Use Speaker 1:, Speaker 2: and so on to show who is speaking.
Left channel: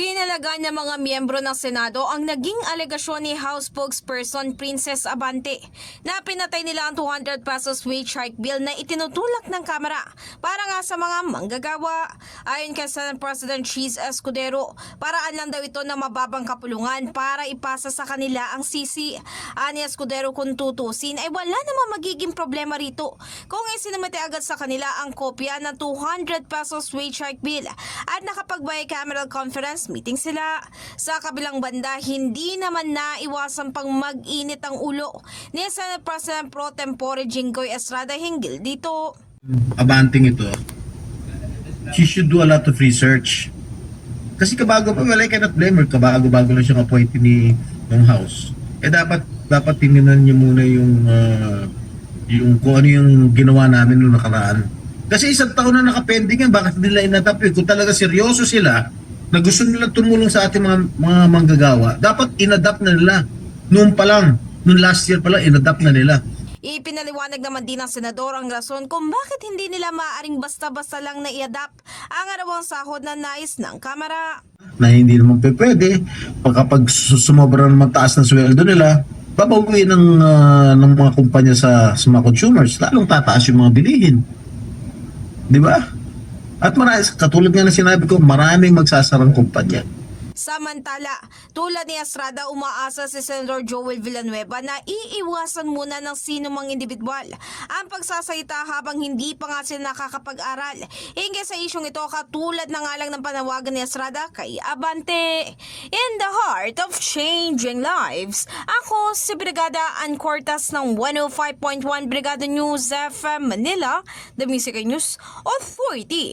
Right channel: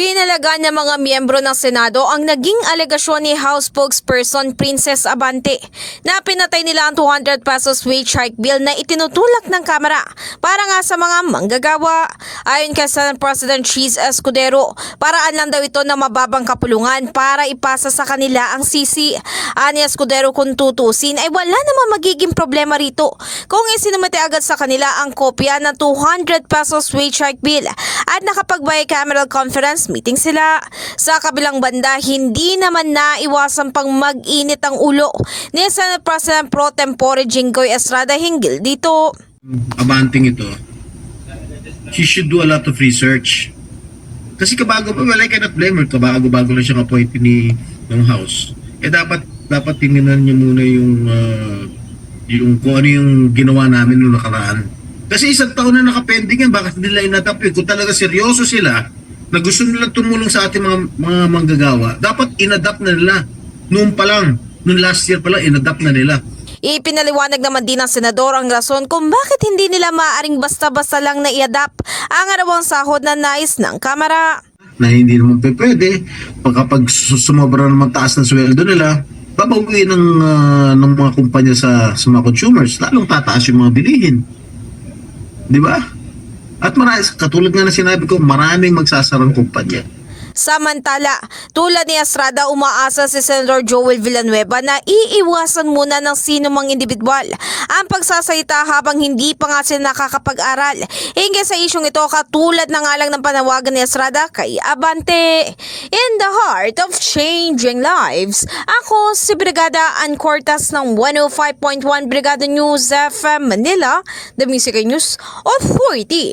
Speaker 1: Pinalagaan ng mga miyembro ng Senado ang naging alegasyon ni House spokesperson Princess Abante na pinatay nila ang 200 pesos wage hike bill na itinutulak ng Kamara para nga sa mga manggagawa. Ayon kay Senate President Cheese Escudero, paraan lang daw ito na mababang kapulungan para ipasa sa kanila ang sisi. Ani Escudero kung tutusin ay wala namang magiging problema rito kung isinumite agad sa kanila ang kopya ng 200 pesos wage hike bill at nakapag bicameral conference meeting sila. Sa kabilang banda, hindi naman naiwasan pang mag-init ang ulo ni Senate President Pro Tempore Jinggoy Estrada hinggil dito.
Speaker 2: abanting ito, she should do a lot of research. Kasi kabago pa, well, I cannot blame her. Kabago-bago lang siyang appointee ni ng House. Eh dapat dapat tingnan niyo muna yung ah, yung kung ano yung ginawa namin noong nakaraan. Kasi isang taon na nakapending yan, bakit nila inadapt yun? Kung talaga seryoso sila, na gusto nila tumulong sa ating mga, mga manggagawa, dapat inadapt na nila. Noon pa lang, noong last year pa lang, inadapt na nila.
Speaker 1: Ipinaliwanag naman din ng senador ang rason kung bakit hindi nila maaaring basta-basta lang na i-adapt ang arawang sahod na nais ng Kamara.
Speaker 2: na hindi naman pwede. Pag kapag su- sumobra naman taas ng sweldo nila, babawiin ng, ah, ng mga kumpanya sa, sa mga consumers. Lalong tataas yung mga bilihin. Di ba? At marami, katulad nga na sinabi ko, maraming magsasarang kumpanya.
Speaker 1: Samantala, tulad ni Estrada, umaasa si Senator Joel Villanueva na iiwasan muna ng sino mang individual ang pagsasalita habang hindi pa nga sila nakakapag-aral. Hingga sa isyong ito, katulad na nga lang ng panawagan ni Estrada kay Abante. In the heart of changing lives, ako si Brigada Ann Cortas ng 105.1 Brigada News FM Manila, The Music News Authority.